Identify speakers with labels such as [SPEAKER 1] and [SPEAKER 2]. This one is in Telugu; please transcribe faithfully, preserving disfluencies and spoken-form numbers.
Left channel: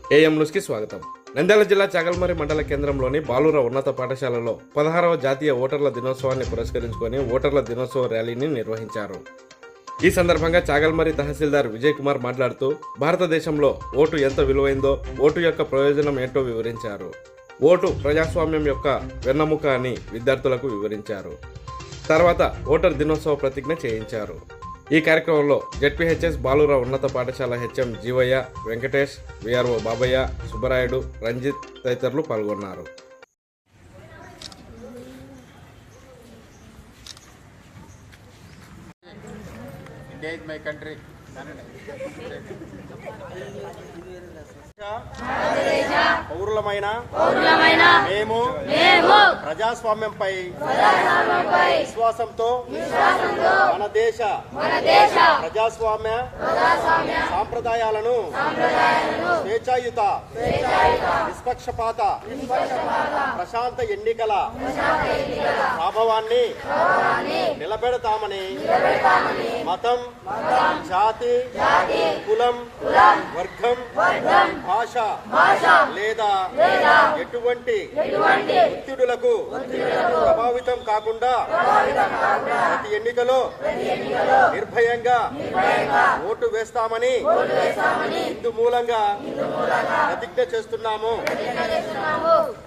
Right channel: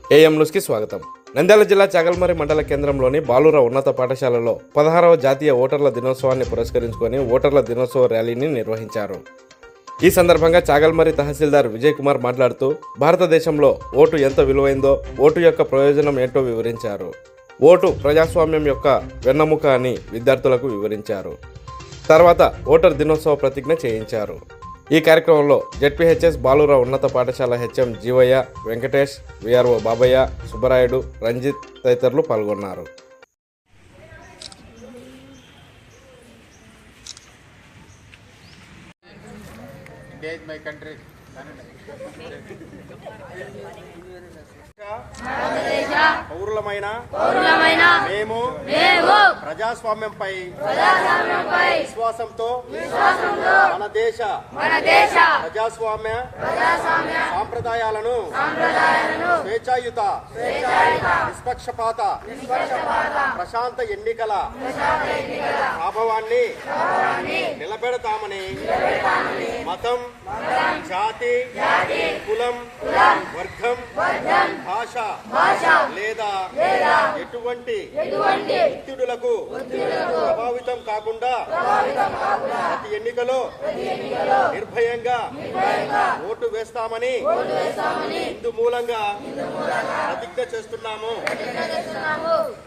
[SPEAKER 1] ఏఎం న్యూస్కి స్వాగతం. నంద్యాల జిల్లా చాగల్మరి మండల కేంద్రంలోని బాలుర ఉన్నత పాఠశాలలో పదహారవ జాతీయ ఓటర్ల దినోత్సవాన్ని పురస్కరించుకొని ఓటర్ల దినోత్సవ ర్యాలీని నిర్వహించారు. ఈ సందర్భంగా చాగల్మరి తహసీల్దార్ విజయ్ కుమార్ మాట్లాడుతూ భారతదేశంలో ఓటు ఎంత విలువైందో, ఓటు యొక్క ప్రయోజనం ఏంటో వివరించారు. ఓటు ప్రజాస్వామ్యం యొక్క వెన్నెముక అని విద్యార్థులకు వివరించారు. తర్వాత ఓటర్ దినోత్సవ ప్రతిజ్ఞ చేయించారు. ఈ కార్యక్రమంలో జెడ్పీహెచ్ఎస్ బాలుర ఉన్నత పాఠశాల హెచ్ఎం జీవయ్య, వెంకటేష్, విఆర్ఓ బాబయ్య, సుబ్బరాయుడు, రంజిత్ తదితరులు పాల్గొన్నారు.
[SPEAKER 2] India is my country. పౌరులమైన మేము ప్రజాస్వామ్యంపై విశ్వాసంతో మన దేశ ప్రజాస్వామ్య సాంప్రదాయాలను స్వేచ్ఛాయుత నిష్పక్షపాత ప్రశాంత ఎన్నికల ప్రభావాన్ని నిలబెడతామని మతం, జాతి, కులం, వర్గం, భాష లేదా ఎటువంటి ఒత్తిడులకు ప్రభావితం కాకుండా ప్రతి ఎన్నికలో నిర్భయంగా ఓటు వేస్తామని ఇందు మూలంగా ప్రతిజ్ఞ చేస్తున్నాము.